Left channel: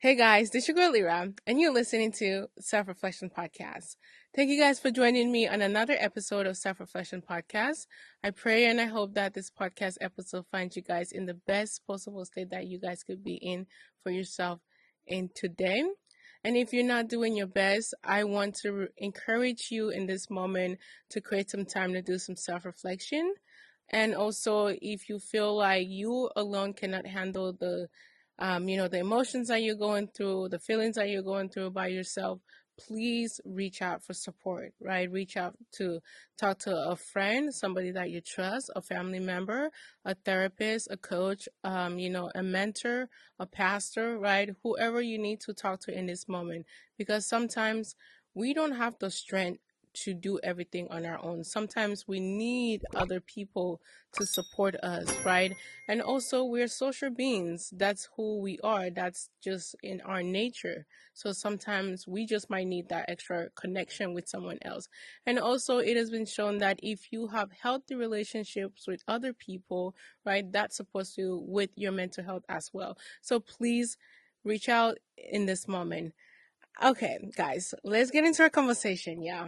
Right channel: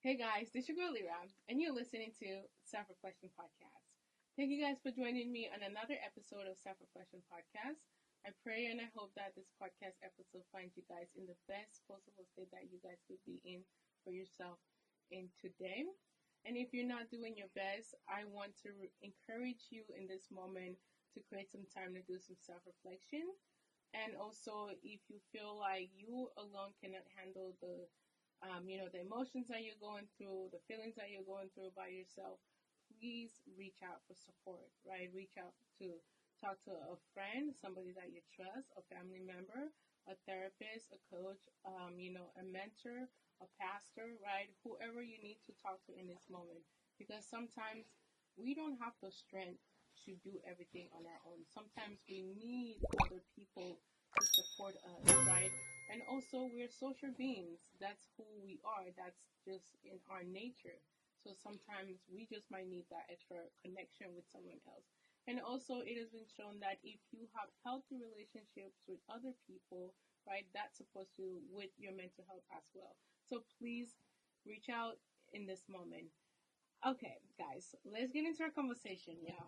Hey guys, this is your girl Lira, and you're listening to Self Reflection Podcast. Thank you guys for joining me on another episode of Self Reflection Podcast. I pray and I hope that this podcast episode finds you guys in the best possible state that you guys could be in for yourself in today. And if you're not doing your best, I want to encourage you in this moment to create some time to do some self reflection. And also, if you feel like you alone cannot handle the emotions that you're going through, the feelings that you're going through by yourself, please reach out for support, right? Reach out to talk to a friend, somebody that you trust, a family member, a therapist, a coach, a mentor, a pastor, right? Whoever you need to talk to in this moment, because sometimes we don't have the strength to do everything on our own. Sometimes we need other people to support us, right? And also, we're social beings. That's who we are. That's just in our nature. So sometimes we just might need that extra connection with someone else. And also, it has been shown that if you have healthy relationships with other people, right, that's supposed to with your mental health as well. So please reach out in this moment. Okay, guys, let's get into our conversation. Yeah.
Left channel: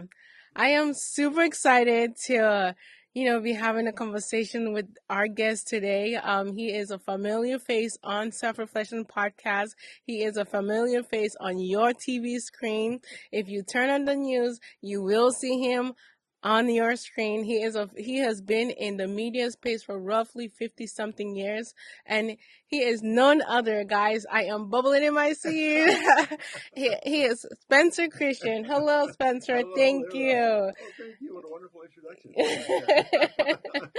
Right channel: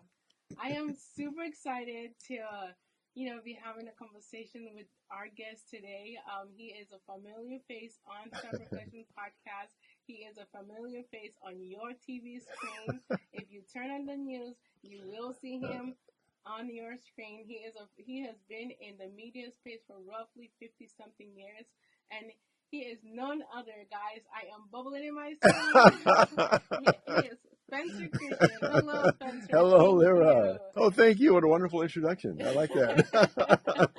I am super excited to, be having a conversation with our guest today. He is a familiar face on Self Reflection Podcast. He is a familiar face on your TV screen. If you turn on the news, you will see him on your screen. He has been in the media space for roughly 50 something years, and he is none other, guys. I am bubbling in my seat. he is Spencer Christian. Hello, Spencer. Hello, Thank Lira. you. Oh, thank you. What a wonderful introduction. I like that.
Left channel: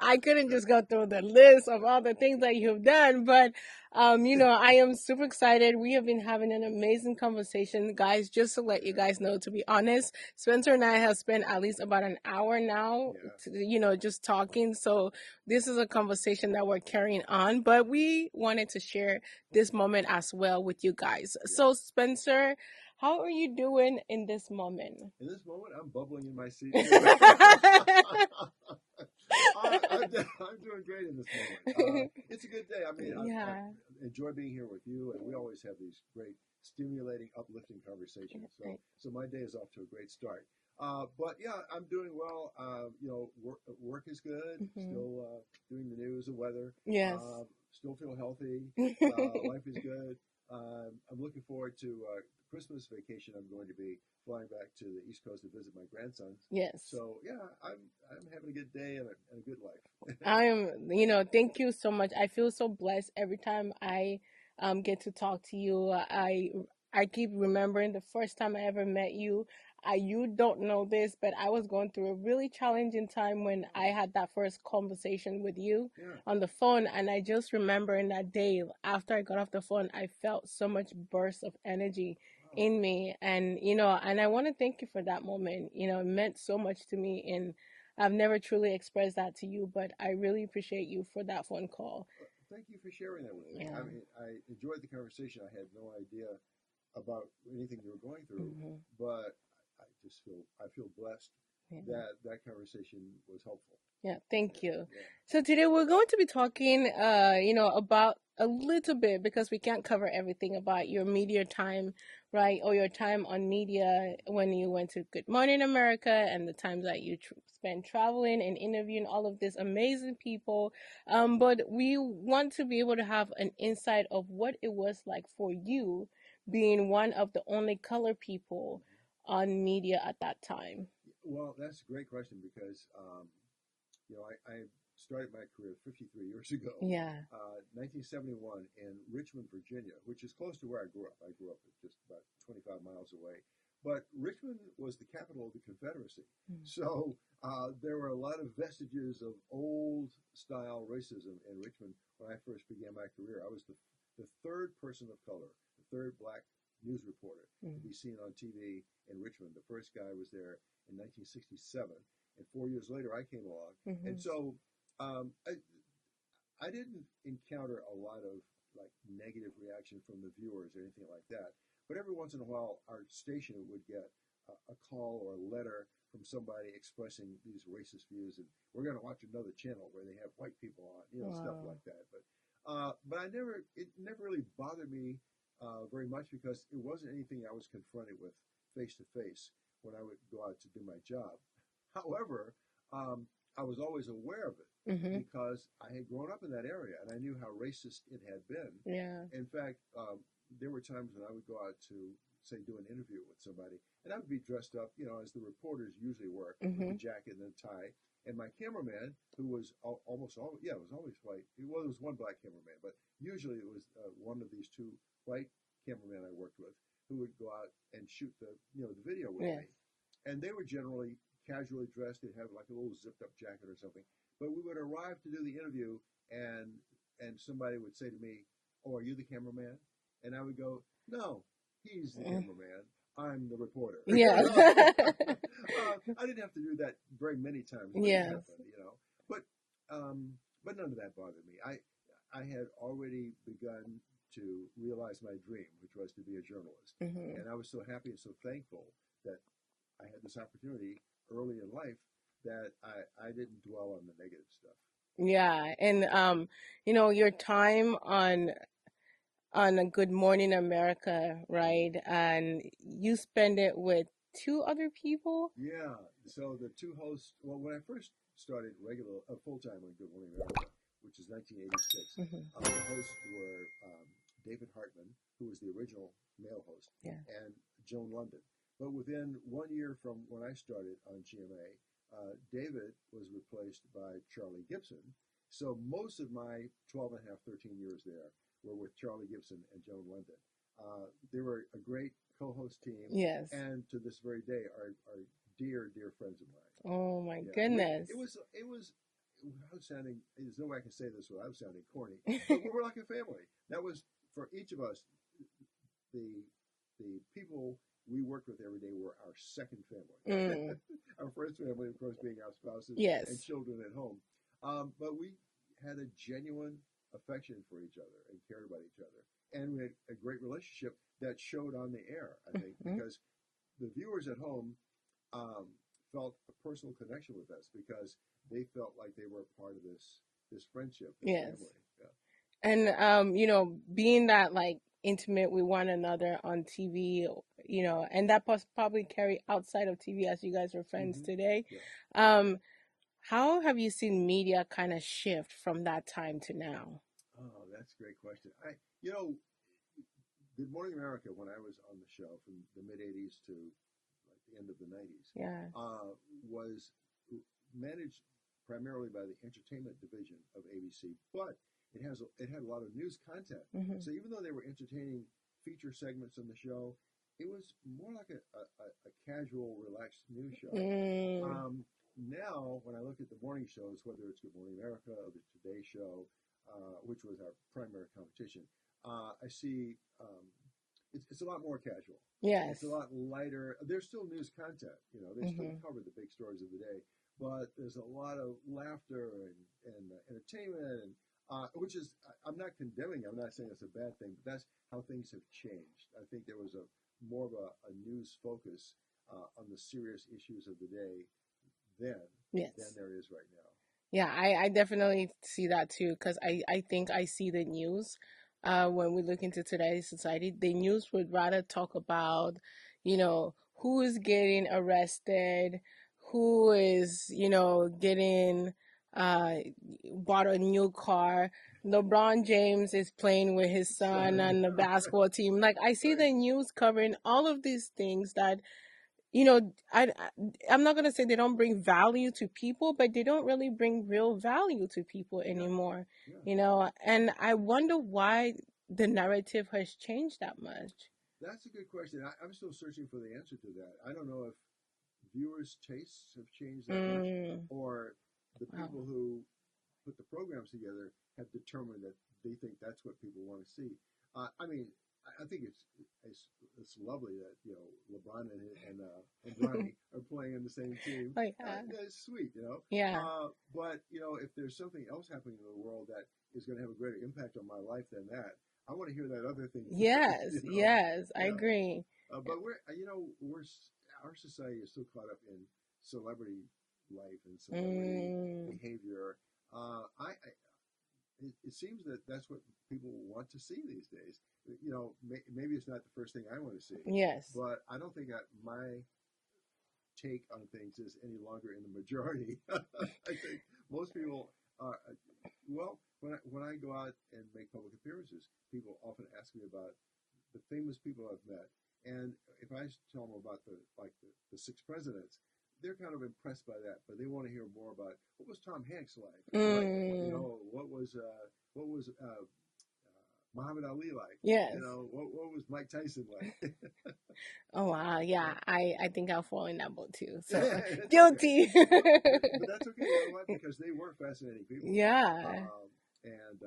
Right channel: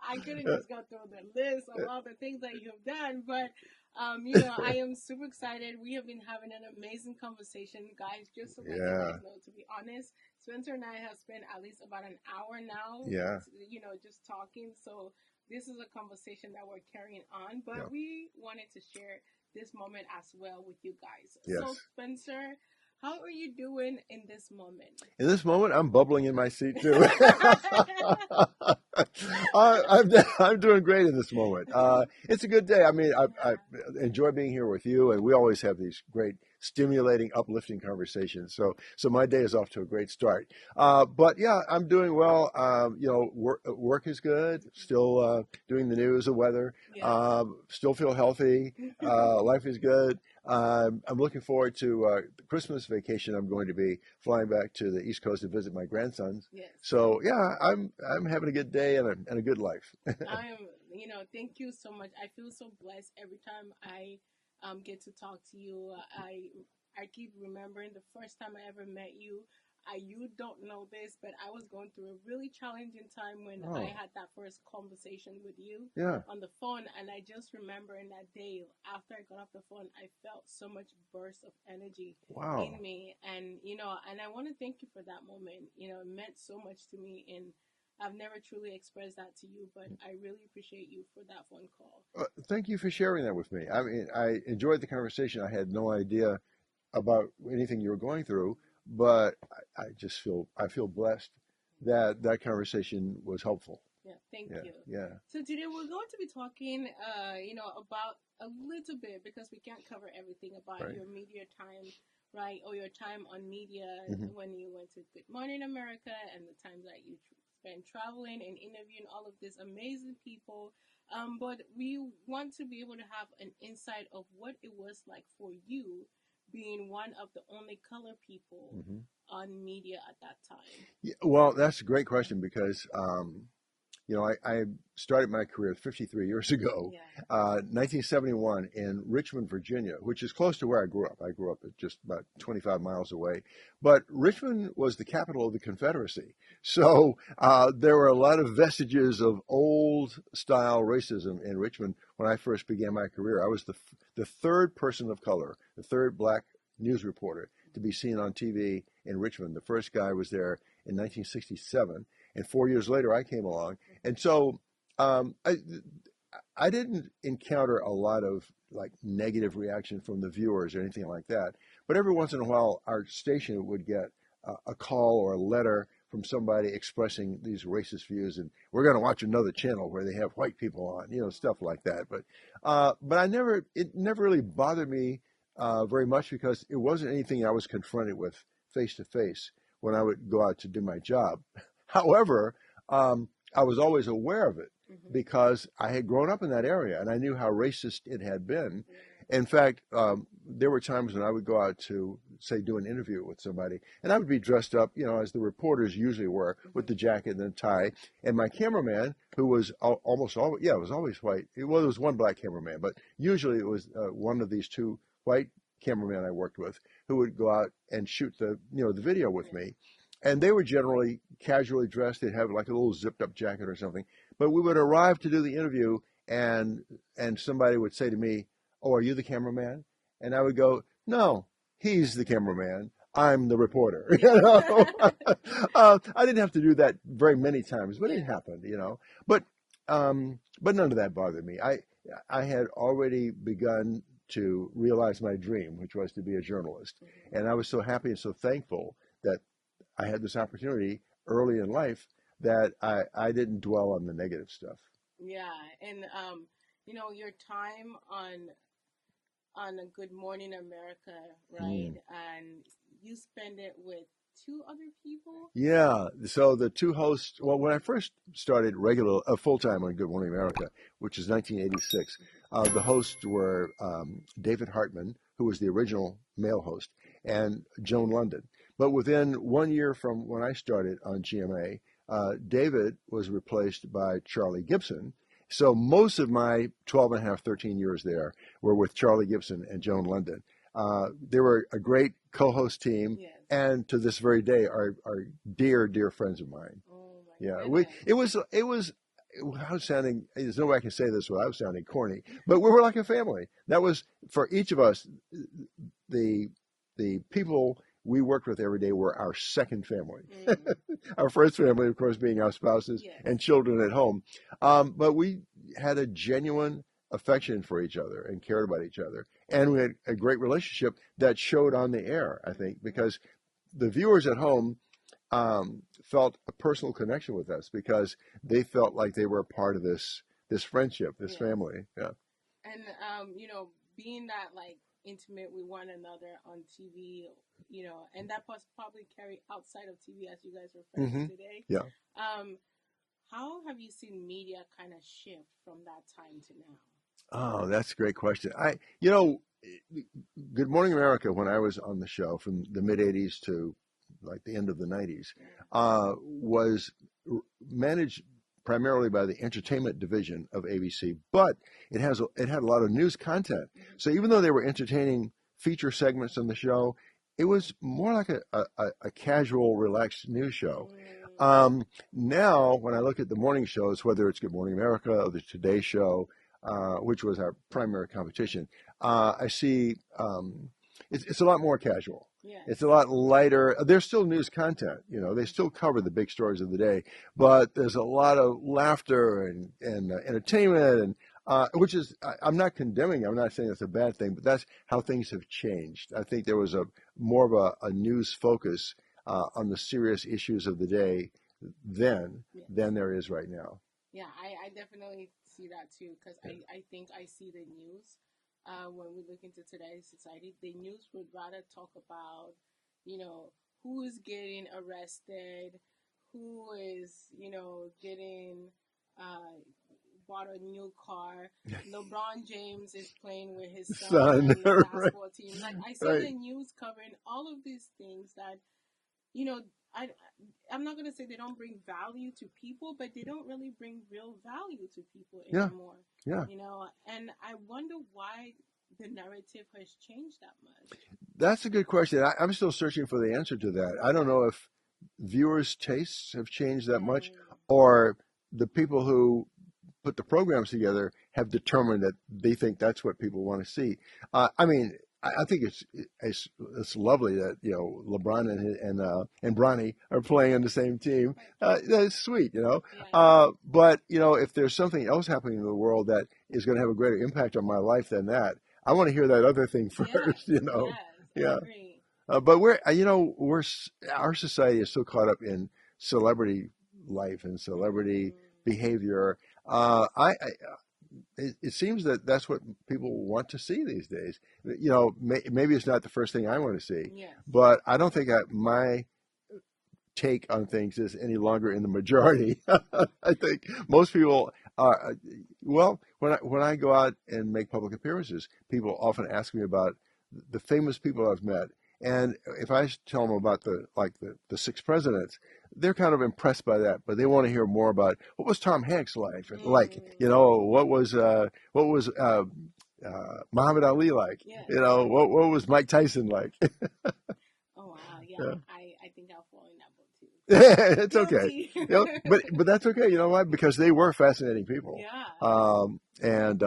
I couldn't just go through the list of all the things that you've done, but I am super excited. We have been having an amazing conversation, guys. Just to let you Yeah, guys know, to be honest, Spencer and I have spent at least about an hour now, yeah. just talking. So this is a conversation that we're carrying on, but we wanted to share this moment as well with you guys. So, Yes. Spencer, how are you doing in this moment? In this moment, I'm bubbling in my seat too. I'm doing great in this moment. It's a good day. I mean, I Yeah. enjoy being here with you, and we always have these great, stimulating, uplifting conversations. So my day is off to a great start. But yeah, I'm doing well. Work is good. Mhm. Still doing the news, the weather. Yes. Still feel healthy. Life is good. I'm looking forward to the Christmas vacation. I'm going to be flying back to the East Coast to visit my grandsons. Yes. So yeah, I'm having a good day and a good life. Thank you so much. I feel so blessed every time I get to talk to you. I keep remembering the first time I ever met you. You don't know this, but I was going through a really challenging time when I Oh, had that first conversation with you yeah. on the phone, and I just remember in that day after I got off the phone, I felt so much burst of energy in Wow. me, and and I want to thank you for that moment. It meant so much to me, and I've never truly expressed that to you, but I really appreciate you for that phone call. Thank you for sharing that with me. Yeah. I mean, I enjoyed the conversation. I had no idea about anything you were going through, Hmm. but I feel blessed Yeah. that that conversation was helpful. Yeah. Thank Yeah, you. yeah. So today we're going to be talking, about a little bit because we can't cover everything about Right. your media time, right? Or your time on media Hmm. when you went to Good Morning America and the times that you spent traveling and interviewing all of these amazing people. But we want to be able to have an insight of what it was like for you being one of the only color people Hmm. on media at that time. Yeah, well, that's a great question because I started my career 53 years ago, Yeah. 1971 in Richmond, Virginia, which is close to where I grew up. I grew up at just about 25 miles away. But Richmond was the capital of the Confederacy. So there were a lot of vestiges of old style racism in Richmond when I first began my career. I was the third person of color, the third black news reporter to be seen on TV in Richmond. The first guy was there in 1967. And 4 years later, I came along, and Mm-hmm. so um, I I didn't encounter a lot of like negative reaction from the viewers or anything like that. But every once in a while, our station would get a call or a letter from somebody expressing these racist views, and we're going to watch another channel where they have white people on, stuff Wow. like that. But it never really bothered me very much because it wasn't anything I was confronted with face to face when I would go out to do my job. However, I was always aware of it Mm-hmm. because I had grown up in that area and I knew how racist it had been. Yeah. In fact, there were times when I would go out to, say, do an interview with somebody, and I would be dressed up, as the reporters usually were, with Mm-hmm. the jacket and the tie. And my cameraman, who was almost always, it was always white. Well, there was one black cameraman, but usually it was one of these two white cameramen I worked with who would go out and shoot the video with Yeah. me. And they were generally casually dressed. They'd have like a little zipped up jacket or something. But we would arrive to do the interview, and somebody would say to me, "Oh, are you the cameraman?" And I would go, "No, he's the cameraman. I'm the reporter." Yeah. I didn't have to do that very many times, but it Yeah. happened. But none of that bothered me. I had already begun to realize my dream, which was to be a journalist, Mm-hmm. and I was so happy and so thankful that I had this opportunity early in life that I didn't dwell on the negative stuff. Yeah. And your time on a Good Morning America, right? Mm. And you spend it with two other people? Yeah. So the two hosts, well, when I first started full time on Good Morning America, which is 1986, Mm-hmm. the hosts were David Hartman, who was the original male host, Yeah. and Joan London. But within 1 year from when I started on GMA, David was replaced by Charlie Gibson. So most of my 12 and a half, 13 years there were with Charlie Gibson and Joan London. They were a great co-host team, Yes. and to this very day are dear, dear friends of mine. Oh my Yeah, goodness. it was. I was sounding. There's no way I can say this without sounding corny, but we were like a family. That was for each of us. The people we worked with every day were our second family. Mm. Our first family, of course, being our spouses Yes. and children at home. But we had a genuine affection for each other and cared about each other. And we had a great relationship that showed on the air, I think, Mm-hmm. because the viewers at home felt a personal connection with us because they felt like they were a part of this friendship, this Yes. family. Yeah. And being that like intimate with one another on TV, and that probably carry outside of TV as you guys are friends Hmm. today. Yeah. How have you seen media kind of shift from that time to now? Oh, that's a great question. Good Morning America, when I was on the show from the mid 80s to like the end of the 90s, Yeah. was managed primarily by the entertainment division of ABC, but it had a lot of news content. Mm-hmm. So even though they were entertaining feature segments on the show, it was more like a casual, relaxed news show. Mm. Now, when I look at the morning shows, whether it's Good Morning America or the Today Show, which was our primary competition, I see it's a lot more casual. Yes. It's a lot lighter. There's still news content, they still Mm-hmm. cover the big stories of the day, but there's a lot of laughter and entertainment, and which is, I'm not condemning, I'm not saying it's a bad thing, but that's how things have changed. I think there was more of a news focus on the serious issues of the day then Yes. than there is right now. Yeah, I definitely see that too, because I think I see the news when we look into today's society. The news would rather talk about, who is getting arrested, who is, getting bought a new car. LeBron James is playing with his son on the Right, basketball team. Like, I see right. the news covering all of these things that you know, I'm not gonna say they don't bring value to people, but they don't really bring real value to people Yeah, anymore. yeah. And I wonder why the narrative has changed that much. That's a good question. I'm still searching for the answer to that. I don't know if viewers' tastes have changed that much, Mm, or the people who put the programs together have determined that they think that's what people want to see. I mean, I think it's lovely that LeBron and Bronny are playing on the same team. like, That's sweet, yeah, But if there's something else happening in the world that is going to have a greater impact on my life than that, I want to hear that other thing first. yes, I Yeah. agree. But our society is so caught up in celebrity life and celebrity Mm, behavior. I it seems that that's what people want to see these days. You know, maybe it's not the first thing I want to see, Yes. but I don't think my take on things is any longer in the majority. I think most people are, well, when I go out and make public appearances, people often ask me about the famous people I've met. And if I tell them about the six presidents, they're kind of impressed by that, but they want to hear more about what was Tom Hanks like, you Mm. know, what was Muhammad Ali like, Yes. you know, what was Mike Tyson like? Oh wow, yeah. I think I'll fall in that boat too. So It's okay. guilty. You know, but that's okay. You know why? Because they were fascinating people. Yeah. And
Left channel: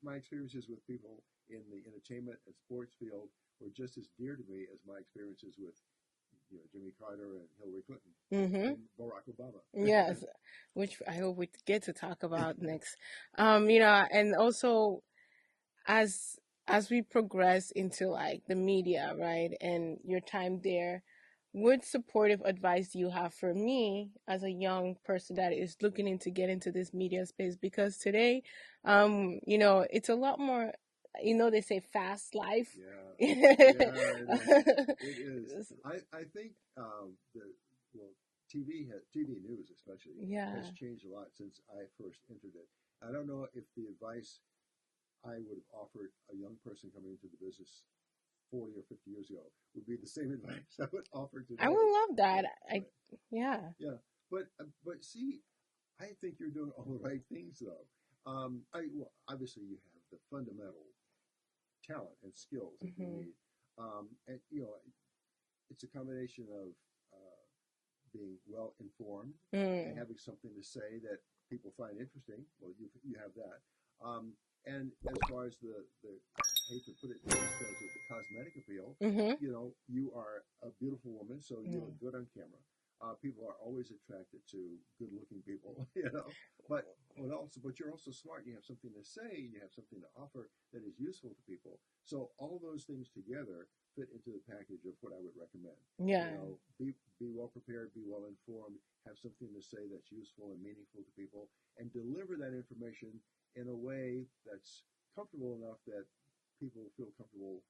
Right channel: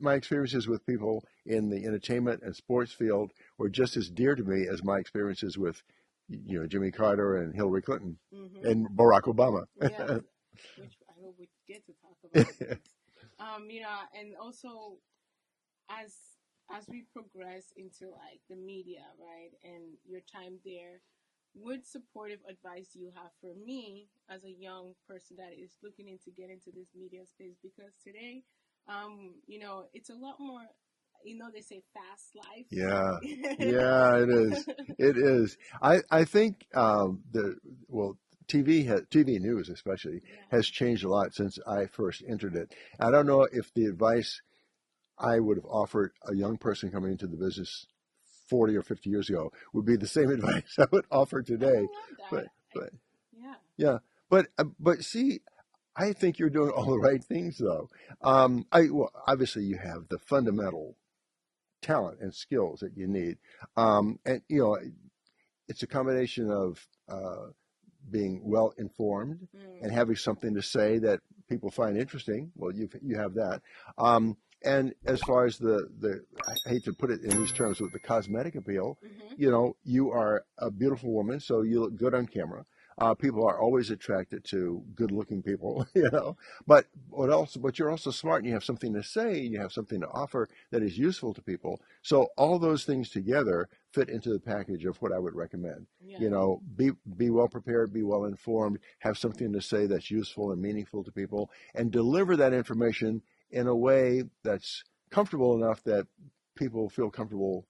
my experiences with people in the entertainment and sports field were just as dear to me as my experiences with, you know, Jimmy Carter and Hillary Clinton Mhm. and Barack Obama. Yes. Which I hope we get to talk about next. You know, and also as as we progress into like the media, right, and your time there, what supportive advice do you have for me as a young person that is looking into get into this media space? Because today, you know, it's a lot more, you know, they say fast life. Yeah, yeah, it is. It is. I think the well, TV news especially has Yeah. changed a lot since I first entered it. I don't know if the advice I would have offered a young person coming into the business 40 or 50 years ago would be the same advice I would offer I today. would love that. But but Yeah. yeah, but see, I think you're doing all the right things though. Well, obviously you have the fundamental talent and skills that you need, and you know it's a combination of being well informed and Mm. having something to say that people find interesting. Well, you have that. And as far as I hate to put it in these terms with the cosmetic appeal, Mhm. you know, you are a beautiful woman, so you look good on camera. People are always attracted to good-looking people, you know. But what else? But you're also smart, and you have something to say, and you have something to offer that is useful to people. So all those things together fit into the package of what I would recommend. Yeah. You know, be well prepared, be well informed, have something to say that's useful and meaningful to people, and deliver that information in a way that's comfortable enough that people feel comfortable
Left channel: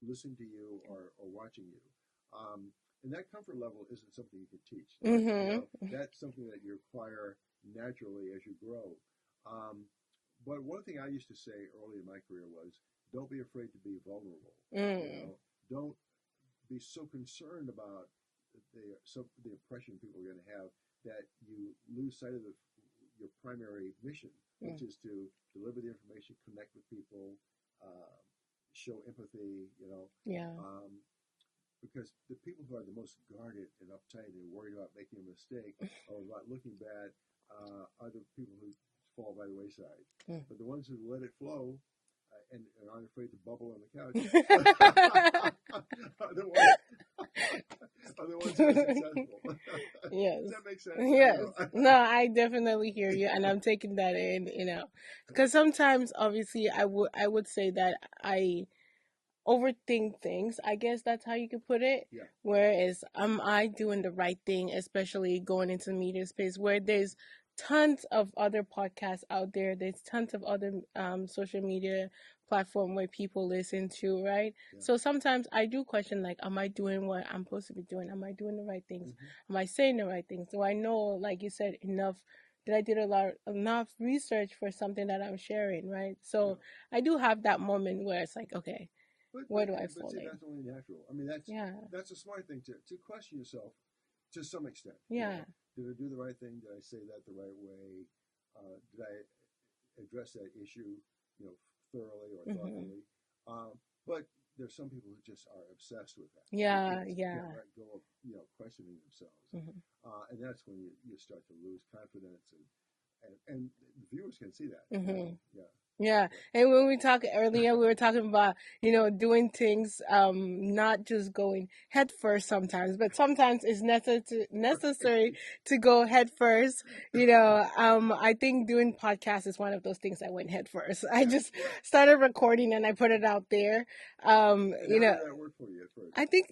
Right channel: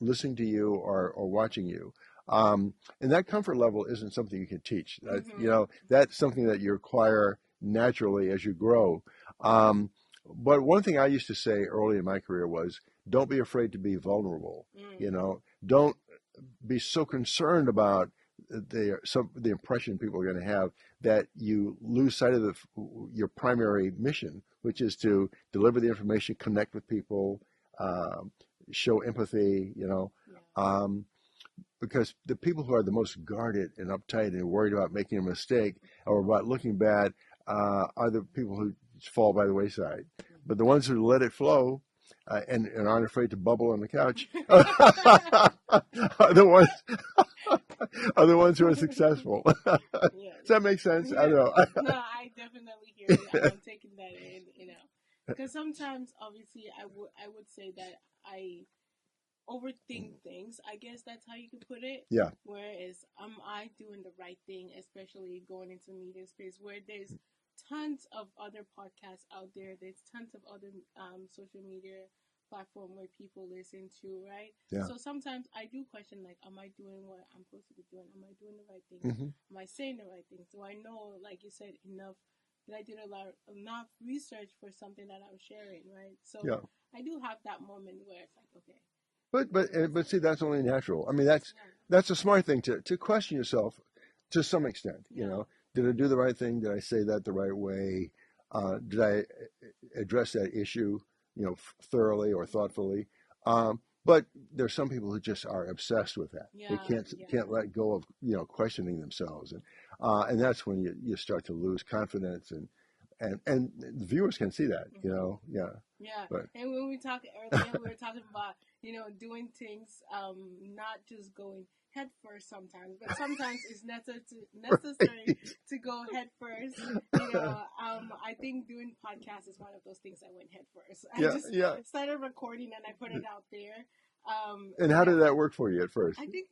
listening to you or watching you. And that comfort level isn't something you can teach. You Mhm. know, that's something that you acquire naturally as you grow. But one thing I used to say early in my career was, don't be afraid to be vulnerable. You Mm. know, don't be so concerned about the impression people are going to have that you lose sight of your primary mission, which is to deliver the information, connect with people, um, show empathy. You know, Yeah. um, because the people who are the most guarded and uptight and worried about making a mistake or about looking bad are the people who fall by the wayside. But the ones who let it flow and aren't afraid to bubble on the couch are the ones are the ones who are successful. Yes. Does that make sense? I don't Yes. know. No, I definitely hear you, and I'm taking that in. You know, because sometimes, obviously, I would say that I overthink things. I guess that's how you could put it. Yeah. Whereas, am I doing the right thing, especially going into the media space where there's tons of other podcasts out there. There's tons of other social media platform where people listen to, right? Yeah. So sometimes I do question like, am I doing what I'm supposed to be doing? Am I doing the right things? Hmm. Am I saying the right things? Do I know, like you said, enough? That I did enough research for something that I'm sharing, right? Yeah. So I do have that moment where it's like, okay, But where do I but fall see, in? that's only natural. I mean, Yeah, that's a smart thing to question yourself to some extent. You yeah. know, did I do the right thing? Did I say that the right way? Did I address that issue, you know, thoroughly or Hmm. thoughtfully? But there's some people who just are obsessed with that. They Yeah, yeah. can't let go of, you know, questioning themselves, Hmm. and that's when you start to lose confidence and the viewers can see that. You Hmm. know, yeah. Yeah. But And when we talked earlier, we were talking about, you know, doing things, not just going head first sometimes, but sometimes it's necessary right. to go head first. You know, I think doing podcasts is one of those things I went head first. I Yeah, just yeah. started recording and I put it out there. And You how know, did that work for you at first? I think,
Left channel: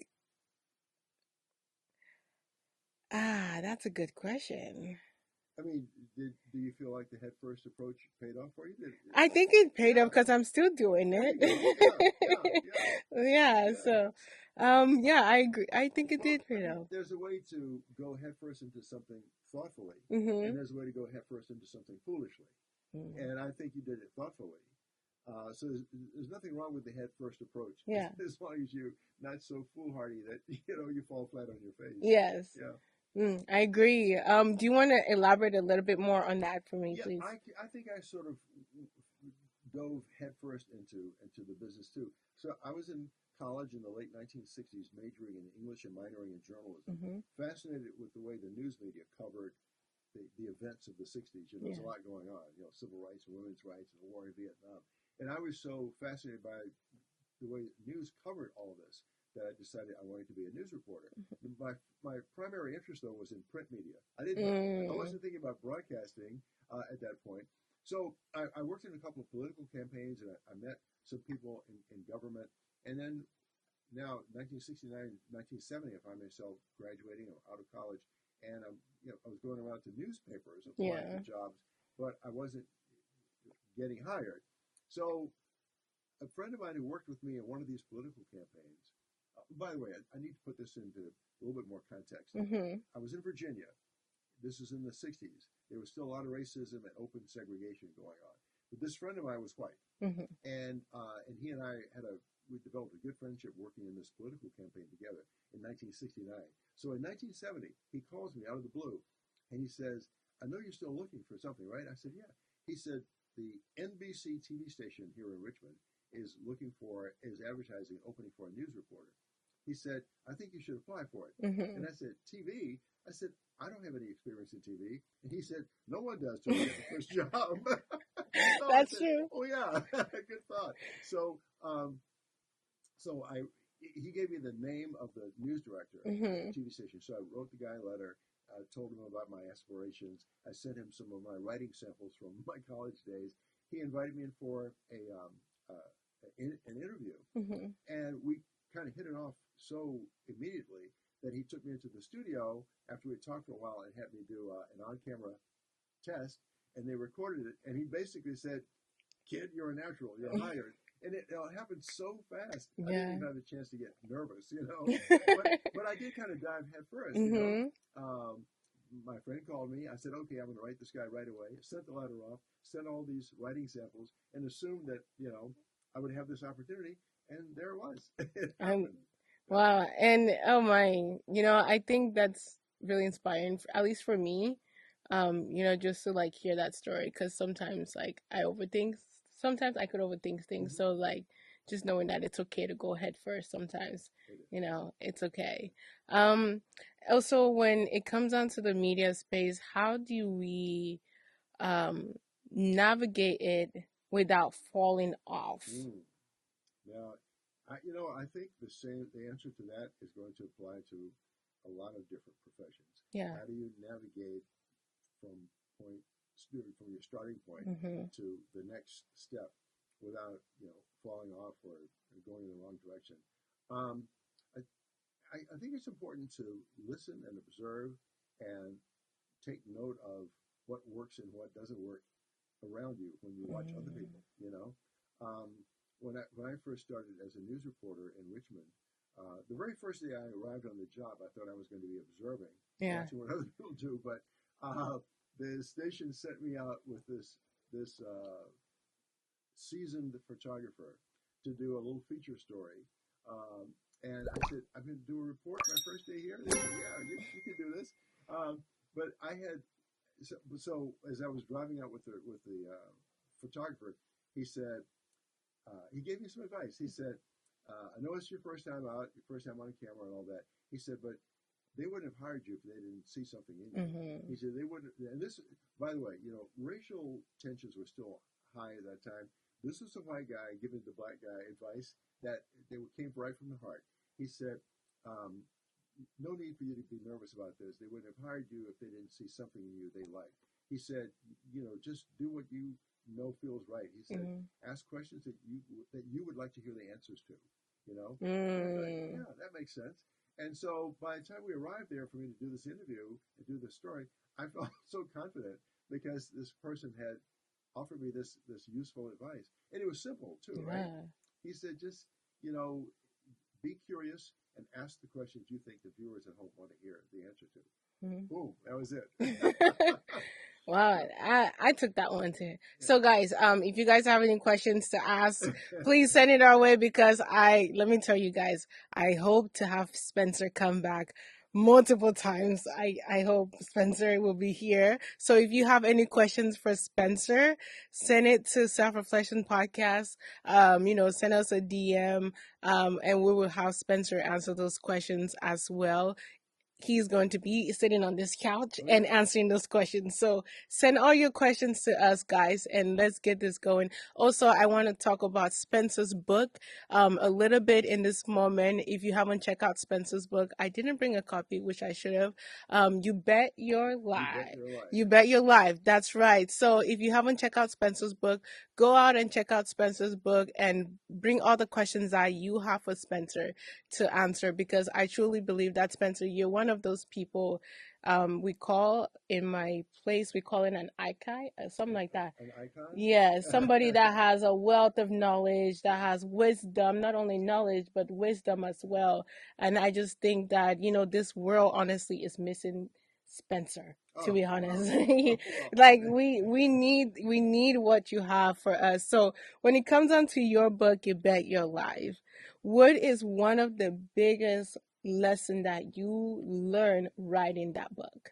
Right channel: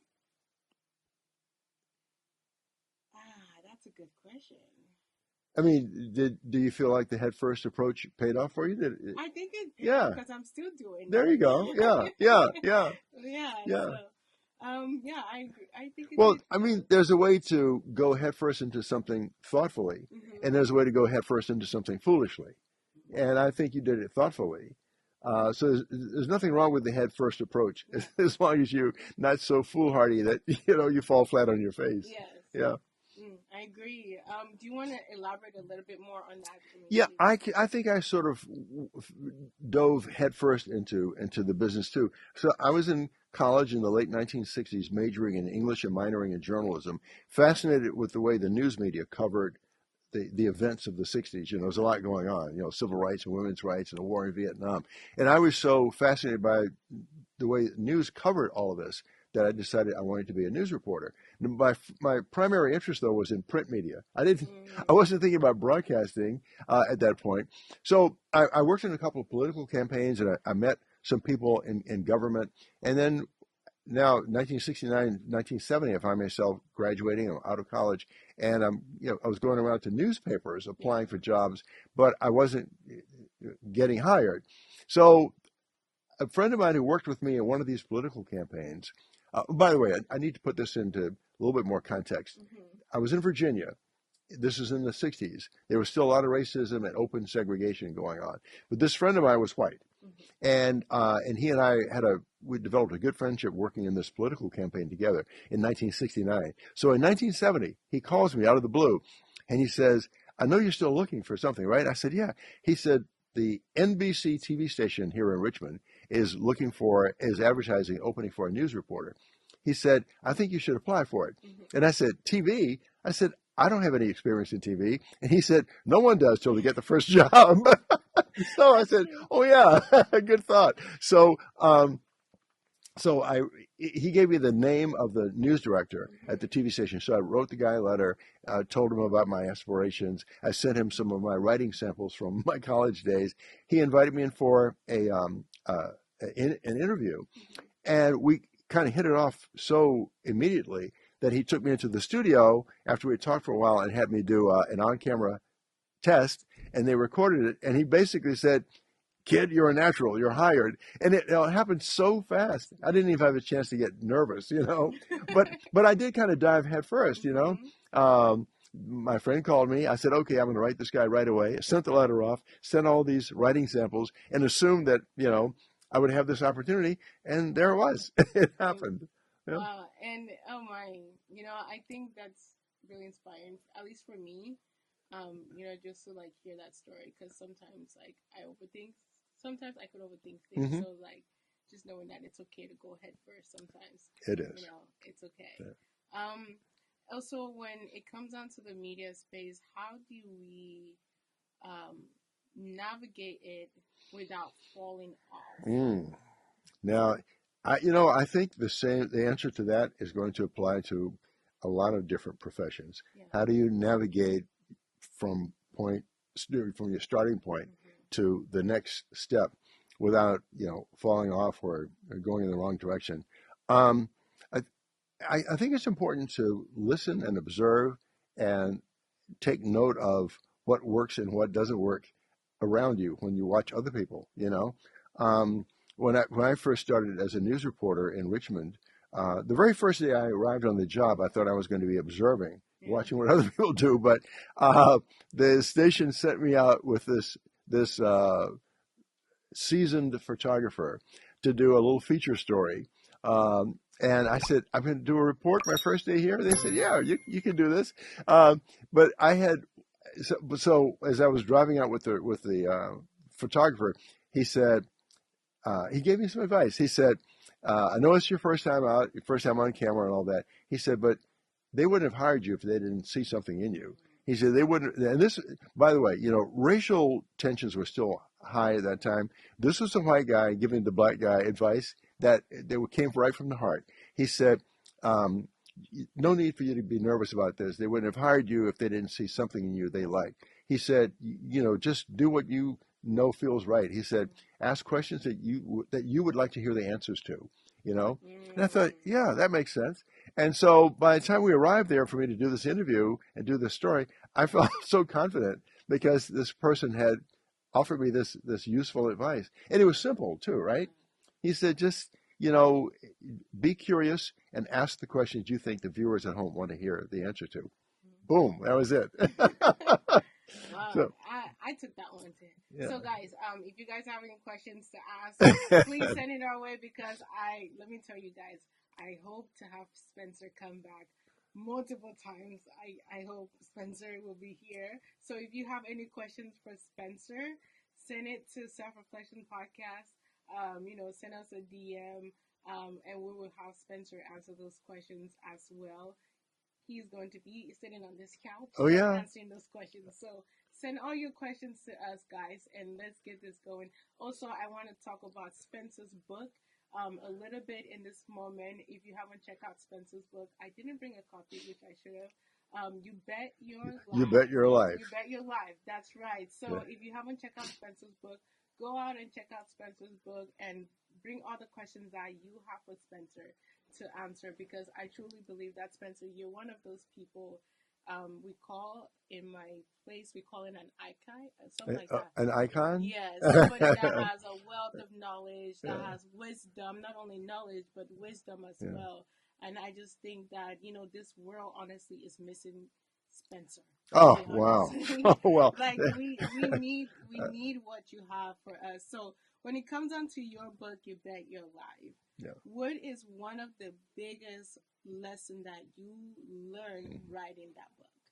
that's a good question. I mean, do you feel like the head first approach paid off for you? I think it paid off Yeah, because I'm still doing there you go. Yeah, yeah, it. yeah, Yeah, yeah. so yeah, I agree. I think it Well, did I pay mean, off. there's a way to go headfirst into something thoughtfully, and Mhm. there's a way to go headfirst into something foolishly. Mhm. And I think you did it thoughtfully. So there's nothing wrong with the head first approach, Yeah. as long as you're not so foolhardy that you fall flat on your face. Yes. Yeah, I agree. Do you want to elaborate a little bit more on that for me, yeah. please? I think I sort of dove headfirst into the business too. So I was in college in the late 1960s, majoring in English and minoring in journalism, Mhm. fascinated with the way the news media covered the events of the 60s. There's a Mhm. lot going on, civil rights and women's rights and the war in Vietnam. And I was so fascinated by the way news covered all of this that I decided I wanted to be a news reporter. My primary interest, though, was in print media. I Mm. wasn't thinking about broadcasting at that point. So I worked in a couple of political campaigns, and I met some people in government. And then now 1969, 1970, I find myself graduating. I'm out of college, and I was going around to newspapers applying for Yeah. jobs, but I wasn't getting hired. So a friend of mine who worked with me in one of these political campaigns, by the way, I need to put this into a little bit more context. Mhm. I was in Virginia. This is in the 60s. There was still a lot of racism and open segregation going on. But this friend of mine was white. Mhm. And he and I we developed a good friendship working in this political campaign together in 1969. So in 1970, he calls me out of the blue, and he says, "I know you're still looking for something, right?" I said, "Yeah." He said, "The NBC TV station here in Richmond is advertising opening for a news reporter." He said, "I think you should apply for it." Mhm. And I said, "TV?" I said, "I don't have any experience in TV." And he said, "No one does till they get the first job." So I That's said, true. "Oh yeah, good thought." So he gave me the name of the news director at the Mhm. TV station. So I wrote the guy a letter, told him about my aspirations. I sent him some of my writing samples from my college days. He invited me in for an interview, Mhm. and we kind of hit it off so immediately that he took me into the studio after we had talked for a while and had me do an on-camera test, and they recorded it. And he basically said, "Kid, you're a natural. You're hired." And it happened so fast. I didn't Yeah. even have a chance to get nervous. But I did kind of dive head first. Mhm. My friend called me. I said, "Okay, I'm going to write this guy right away." I sent the letter off, sent all these writing samples, and assumed that I would have this opportunity. And there it was. It Um, happened. Yeah. wow. And oh my, I think that's really inspiring, at least for me. Just to like hear that story, because sometimes like I overthink. Sometimes I could overthink things. Hmm. So like just knowing that it's okay to go head first. Sometimes, It is. it's okay. Um, Also, when it comes down to the media space, how do we um navigate it without falling off? Mm. Now, I think the answer to that is going to apply to a lot of different professions. Yeah. How do you navigate from from your starting point Mm-hmm. to the next step without, falling off or going in the wrong direction? Um, I, I think it's important to listen and observe and take note of what works and what doesn't work around you when you watch other people. Um, when I first started as a news reporter in Richmond, the very first day I arrived on the job, I thought I was going to be observing, Yeah. watching what other people do. But uh, the station sent me out with this seasoned photographer to do a little feature story. And I said, "I'm going to do a report my first day here." They said, "Yeah, you can do this." But I had so as I was driving out with the photographer, he said he gave me some advice. He said, "I know it's your first time out, your first time on camera, and all that." He said, "But they wouldn't have hired you if they didn't see something in you." Mm-hmm. He said they wouldn't. And this, by the way, racial tensions were still high at that time. This was a white guy giving the black guy advice that came right from the heart. He said, um, "No need for you to be nervous about this. They wouldn't have hired you if they didn't see something in you they liked." He said, "Just do what you know feels right." He said, Mm-hmm. "Ask questions that you would like to hear the answers to." You know, and I thought, Mm. yeah, that makes sense. And so by the time we arrived there for me to do this interview and do this story, I felt so confident because this person had offered me this useful advice, and it was simple too, right? Yeah. He said, just you know, be curious and ask the questions you think the viewers at home want to hear the answer to. Mhm. Boom, that was it. Wow, So I took that one too. So yeah. guys, if you guys have any questions to ask, please send it our way because let me tell you guys, I hope to have Spencer come back multiple times. I hope Spencer will be here. So if you have any questions for Spencer, send it to Self Reflection Podcast. Send us a DM, and we will have Spencer answer those questions as well. He's going to be sitting on this couch Oh and yeah. answering those questions. So send all your questions to us, guys, and let's get this going. Also, I want to talk about Spencer's book a little bit in this moment. If you haven't checked out Spencer's book, I didn't bring a copy, which I should have. You Bet Your You bet Life. your life. You Bet Your Life. That's right. So Yeah. if you haven't checked out Spencer's book, go out and check out Spencer's book and bring all the questions that you have for Spencer to answer because I truly believe that Spencer, you're one of those people we call in my place, we call it an icon, something like that. An icon. Yeah, somebody that has a wealth of knowledge, that Yeah. has wisdom, not only knowledge, but wisdom as Yeah. well. And I just think that, this world honestly is missing Spencer, to Oh be honest. wow. Oh well. Like we need what you have for us. So when it comes down to your book, You Bet Your Life, Yeah. what is one of the biggest lesson that you learn writing that book?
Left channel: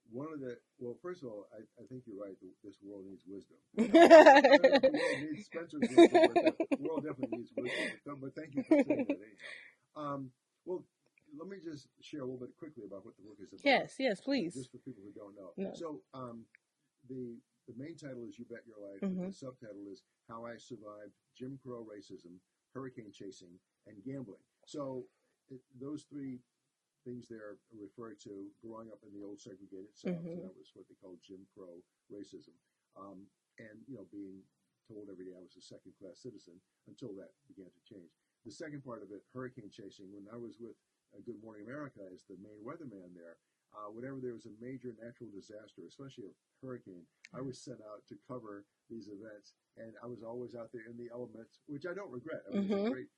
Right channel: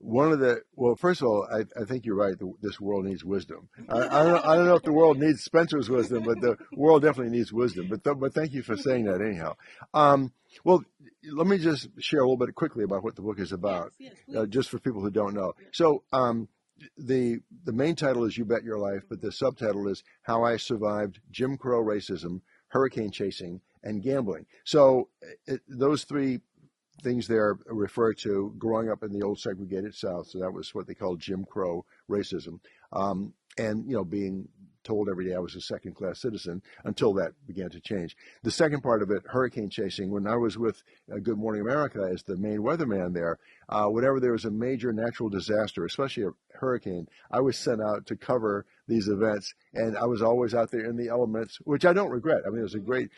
One of the well, first of all, I think you're right. This world needs wisdom. I don't know if the world needs Spencer's wisdom, but the world definitely needs wisdom. But thank you for saying that anyhow. Um, well, let me just share a little bit quickly about what the book is about, Yes, please. just for people who don't know. No. So the main title is "You Bet Your Life," but the subtitle is "How I Survived Jim Crow Racism, Hurricane Chasing, and Gambling." So those three things there refer to growing up in the old segregated South. So that was what they called Jim Crow racism. And, being told every day I was a second-class citizen until that began to change. The second part of it, hurricane chasing, when I was with Good Morning America as the main weatherman there, whenever there was a major natural disaster, especially a hurricane, I was sent out to cover these events. And I was always out there in the elements, which I don't regret. I mean, it was a great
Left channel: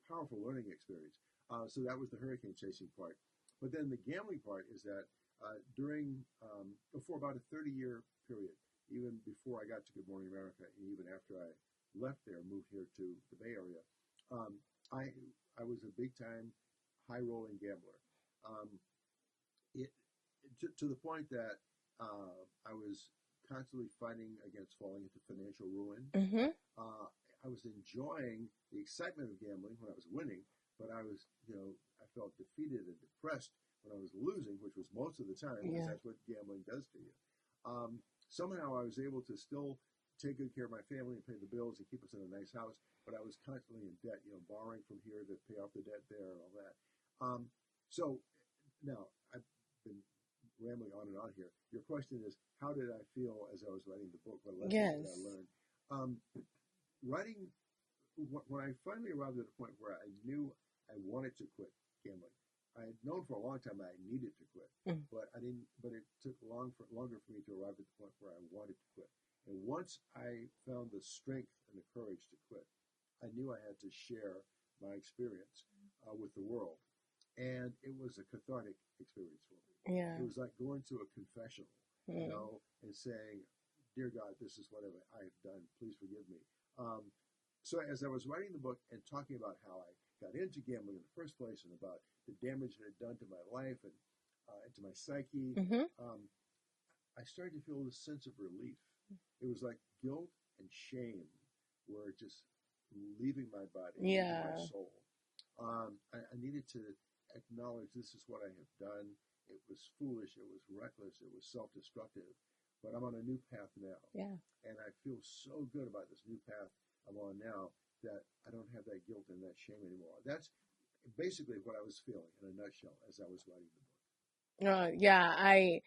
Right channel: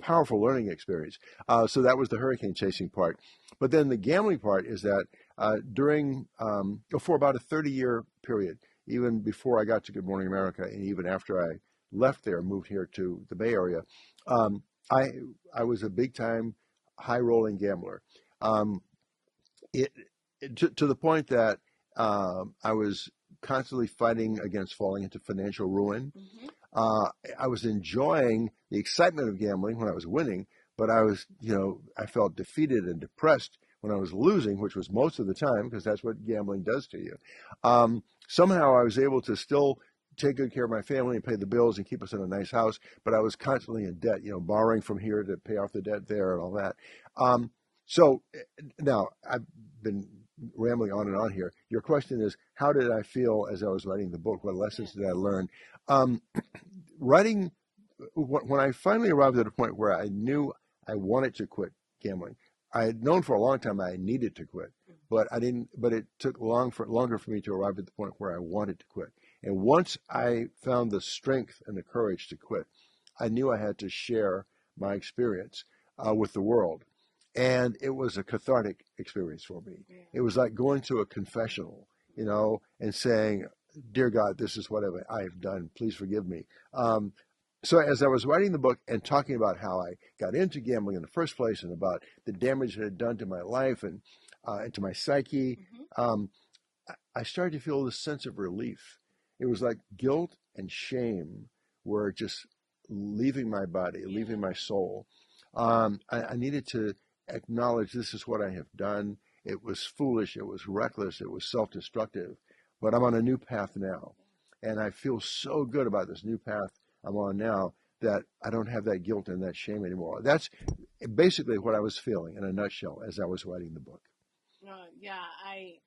powerful learning experience. So that was the hurricane chasing part. But then the gambling part is that for about a 30-year period, even before I got to Good Morning America, and even after I left there, moved here to the Bay Area, um, I was a big time high rolling gambler. Um, it, to the point that I was constantly fighting against falling into financial ruin. I was enjoying the excitement of gambling when I was winning, but I felt defeated and depressed when I was losing, which was most of the time because that's what gambling does to you. Somehow I was able to still take good care of my family and pay the bills and keep us in a nice house, but I was constantly in debt, borrowing from here to pay off the debt there and all that. So now I've been rambling on and on here. Your question is, how did I feel as I was writing the book? What lessons did I learn? Writing, when I finally arrived at a point where I knew I wanted to quit gambling, I had known for a long time I needed to quit, but I didn't. But it took longer for me to arrive at the point where I wanted to quit. And once I found the strength and the courage to quit, I knew I had to share my experience with the world. And it was a cathartic experience for me. Yeah. It was like going to a confessional, and saying, "Dear God, this is what I have done. Please forgive me." So as I was writing the book and talking about how I got into gambling in the first place and about the damage it had done to my life and to my psyche, I started to feel this sense of relief. It was like guilt and shame were just leaving my body, leaving my soul. I needed to acknowledge this is what I have done. It was foolish. It was reckless. It was self-destructive. But I'm on a new path now. Yeah. And I feel so good about this new path I'm on now that I don't have that guilt and that shame anymore. That's basically what I was feeling in a nutshell as I was writing the book. Yeah, I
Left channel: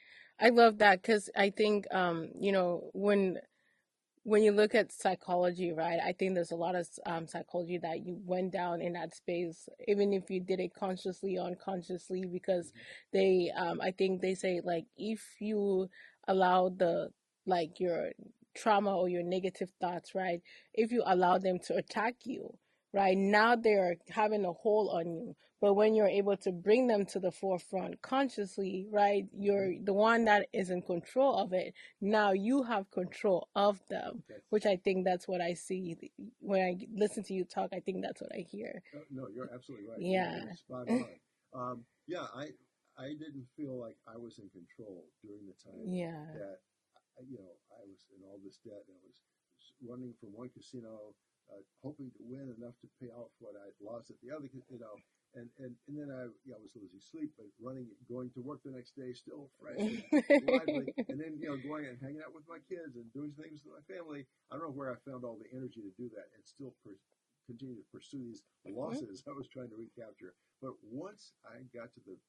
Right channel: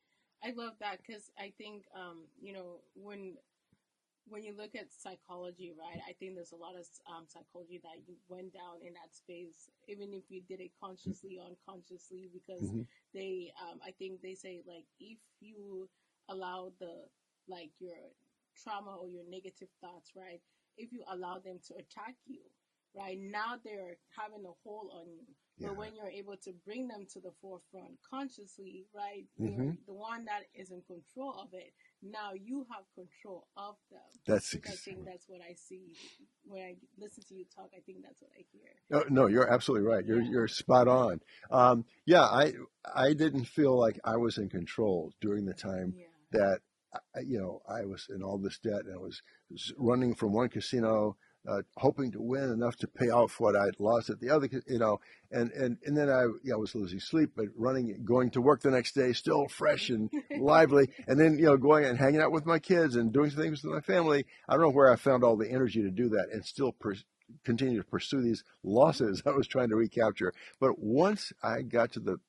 love that because I think when when you look at psychology, right, I think there's a lot of psychology that you went down in that space, even if you did it consciously or unconsciously, because Hmm. I think they say, like, if you allow like, your trauma or your negative thoughts, right, if you allow them to attack you, right, now they're having a hold on you. But Yeah. when you're able to bring them to the forefront consciously, right, Hmm. you're the one that is in control of it. Now you have control of them, That's which I ex- think that's what I see when I listen to you talk. I think that's what I hear. no, you're absolutely right. Yeah. You're spot on. Yeah, I didn't feel like I was in control during the time Yeah. that I was in all this debt, and I was running from one casino, hoping to win enough to pay off what I'd lost at the other, and then I was losing sleep, but running, going to work the next day, still fresh and lively, and then going and hanging out with my kids and doing things with my family. I don't know where I found all the energy to do that, and still continue to pursue these losses I was trying to recapture. But once I got to the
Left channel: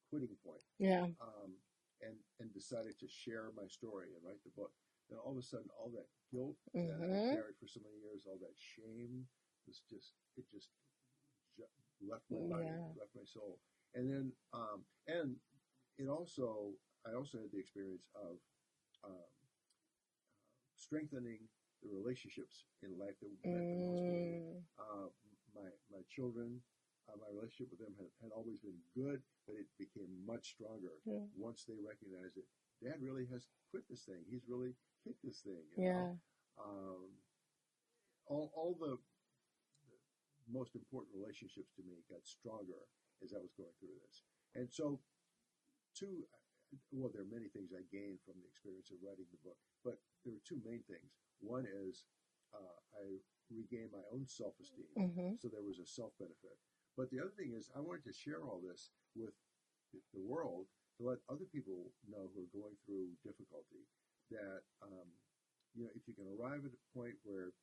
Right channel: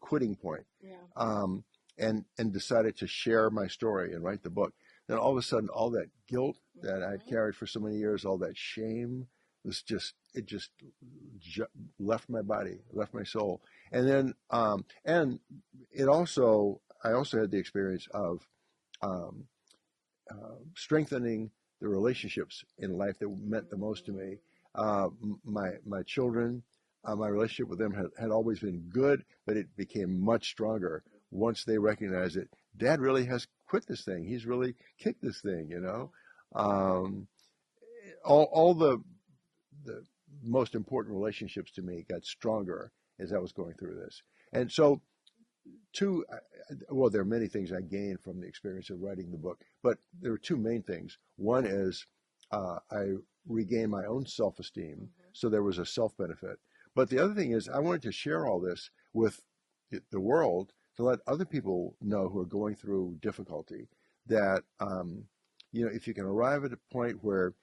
quitting point, Yeah. um, and decided to share my story and write the book, then all of a sudden, all that guilt that I Mhm. carried for so many years, all that shame, was just it just left my body, Yeah. left my soul, and then and it also I also had the experience of um, strengthening the relationships in life that meant the most to me. Mm. My children, my relationship with them had always been good, but it became much stronger Yeah. once they recognized that Dad really has quit this thing. He's really kicked this thing, you know. Yeah. Um, all the most important relationships to me got stronger as I was going through this. And so two well, there are many things I gained from the experience of writing the book, but there are two main things. One is I regained my own self-esteem, Mhm. so there was a self-benefit. But the other thing is I wanted to share all this with the world, to let other people know who are going through difficulty that if you can arrive at a point where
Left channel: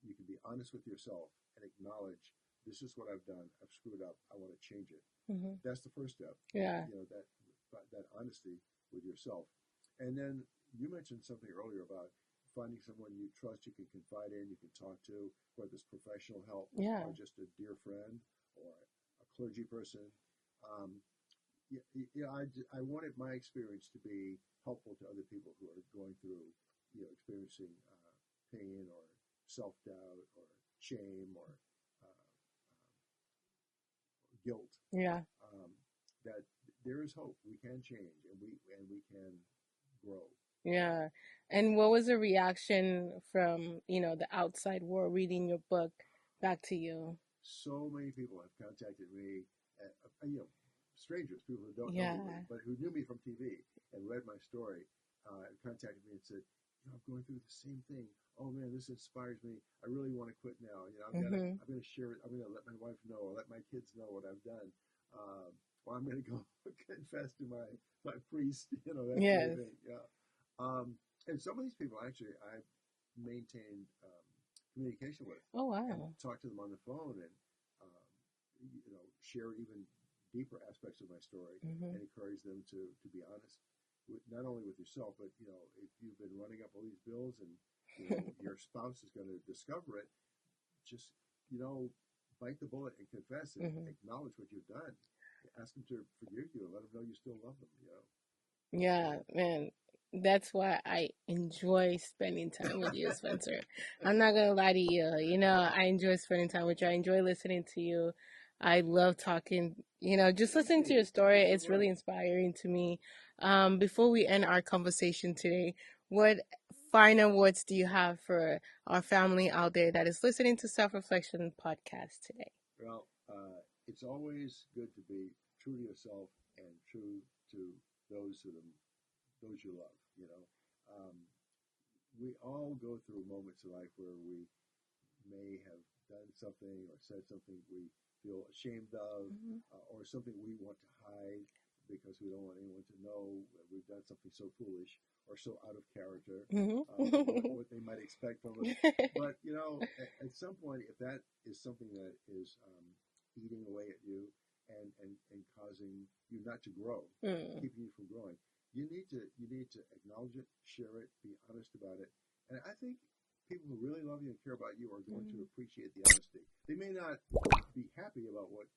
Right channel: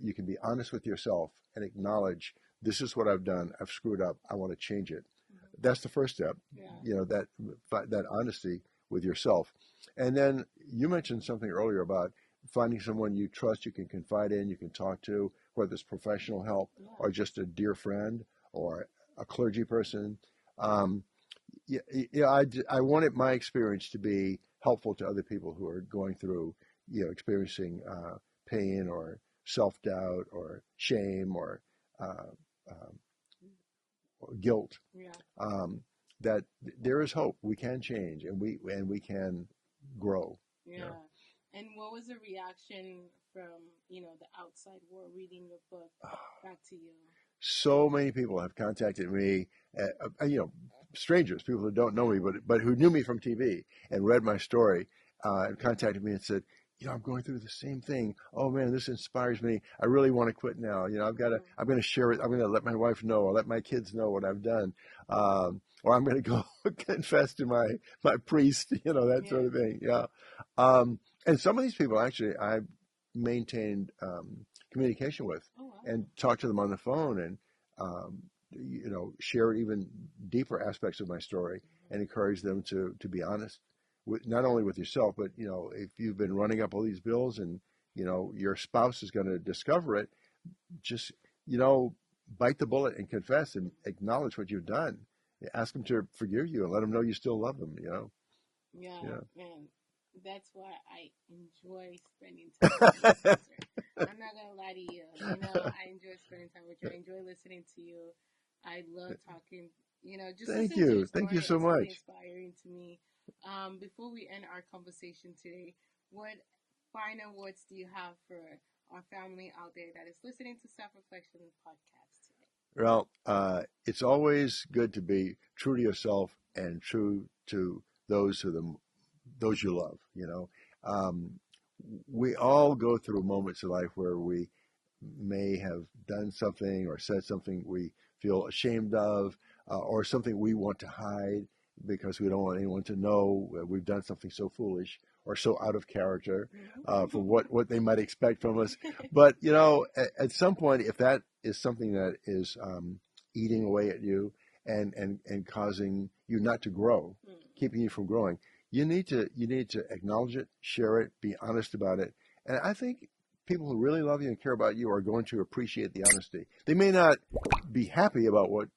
you can be honest with yourself and acknowledge, this is what I've done, I've screwed up, I want to change it. Mhm. That's the first step, Yeah. that honesty with yourself. And then you mentioned something earlier about finding someone you trust, you can confide in, you can talk to, whether it's professional help Yeah. or just a dear friend or a clergy person. Um, yeah, yeah, I wanted my experience to be helpful to other people who are going through, experiencing pain or self-doubt or shame uh, or guilt. Yeah. Um, that there is hope. We can change, and we can grow. You know, Yeah. And what was the reaction from, the outside world reading your book back to you? so many people have contacted me, strangers, people who don't know me, Yeah. but who knew me from TV and read my story, and contacted me and said, I'm going through the same thing. Oh man, this inspires me. I really want to quit now. Mhm. I'm going to share it. I'm going to let my wife know or let my kids know what I've done. Or I'm going to go confess to my priest, that sort of Yes. thing. Yeah. Um, and some of these people actually I've maintained communication with Oh, and wow. talk to them on the phone and um, share even deeper aspects of my story Mhm. and encourage them to be honest with, not only with yourself, but if you've been running up all these bills and your spouse is going to discover it, just bite the bullet and confess and Mhm. acknowledge what you've done. Ask them to forgive you and let them know you still love them. Yeah, Yeah. man. That's why I enjoy spending time with you, Spencer. I'm not gonna lie to you. I enjoy spending time with you. I enjoy listening to you. I love talking. Just listening to your Thank story, you so it's really much. inspiring to me. Before we end our conversation today, what final words do you have for our family out there that is listening to Self Reflection Podcast today? Well, it's always good to be true to yourself and true to those you love. Um, we all go through moments in life where we may have done something or said something we feel ashamed of, or something we want to hide because we don't want anyone to know we've done something so foolish or so out of character for Mhm. what they might expect from us. But at some point, if that is something that is eating away at you and causing you not to grow, Mm. keeping you from growing, you need to acknowledge it, share it, be honest about it, And I think people who really love you and care about you are going to appreciate the honesty. They may not be happy about what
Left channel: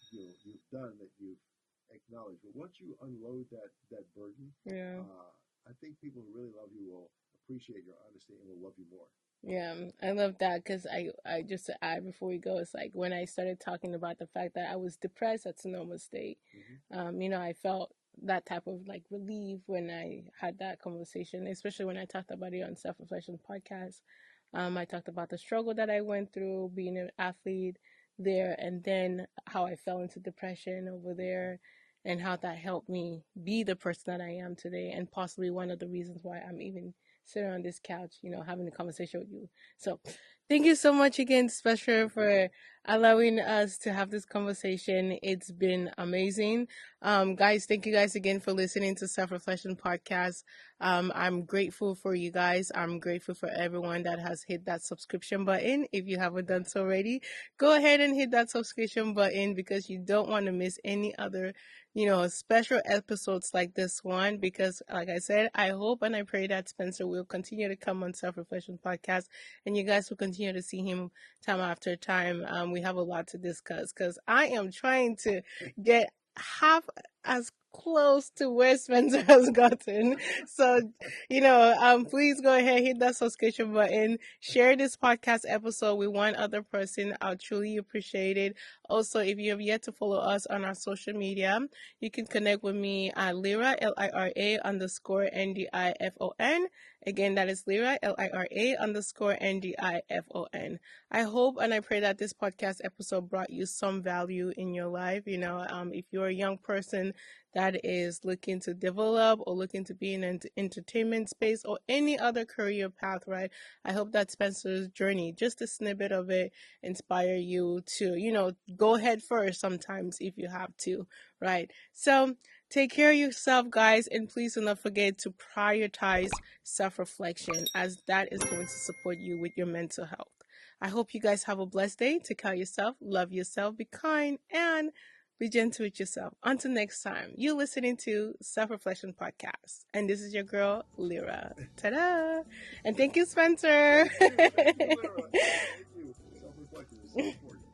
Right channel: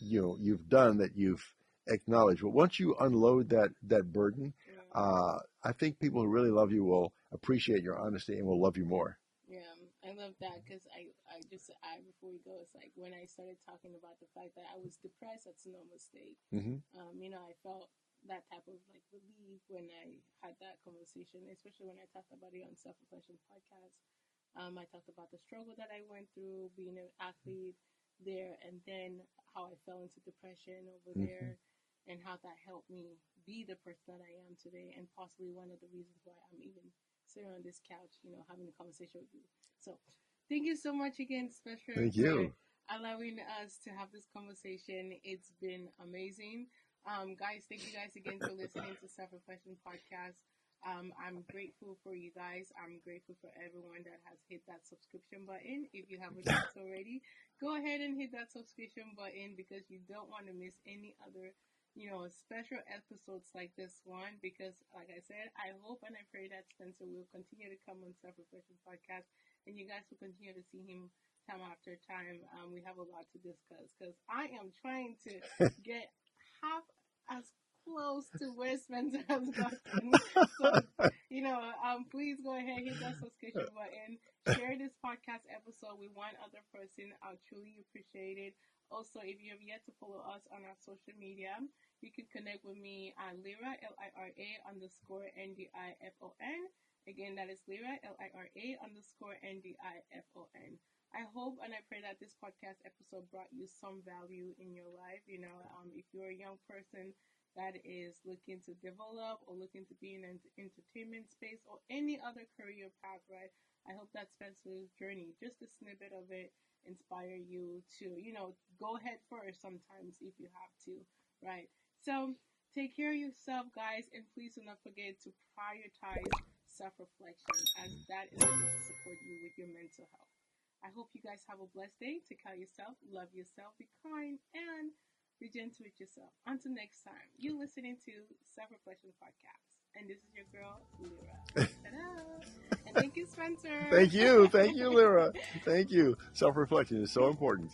you've done, that you've acknowledged, but once you unload that burden, Yeah. I think people who really love you will appreciate your honesty and will love you more. Yeah, I love that because I just to add before we go, it's like when I started talking about the fact that I was depressed, that's a normal state. Hmm. I felt that type of like relief when I had that conversation, especially when I talked about it on Self Reflection podcast. I talked about the struggle that I went through being an athlete there, and then how I fell into depression over Hmm. there, and how that helped me be the person that I am today, and possibly one of the reasons why I'm even sitting on this couch, having a conversation with you. So, thank you so much again, Special, Thank for you. allowing us to have this conversation. It's been amazing. Guys, thank you guys again for listening to Self Reflection Podcast. I'm grateful for you guys. I'm grateful for everyone that has hit that subscription button. If you haven't done so already, go ahead and hit that subscription button because you don't want to miss any other special episodes like this one because, like I said, I hope and I pray that Spencer will continue to come on Self Reflection Podcast and you guys will continue to see him time after time. We have a lot to discuss because I am trying to get half as close to where Spencer has gotten. So, please go ahead, hit that subscription button, share this podcast episode with one other person. I'll truly appreciate it. Also, if you have yet to follow us on our social media, you can connect with me at Lira, Lira_Ndifon. Again, that is Lira, Lira_Ndifon. I hope and I pray that this podcast episode brought you some value in your life. If you're a young person that is looking to develop or looking to be in an entertainment space or any other career path, right? I hope that Spencer's journey, just a snippet of it, inspire you to, go head first sometimes if you have to, right? So take care of yourself, guys, and please do not forget to prioritize self reflection as that is going to support you with your mental health. I hope you guys have a blessed day. Take care of yourself, love yourself, be kind, and be gentle with yourself. Until next time, you're listening to Self Reflection Podcast. And this is your girl, Lyra. Ta da! And thank you, Spencer. Thank you. Thank you, Lyra. Thank you. Self reflection is so important.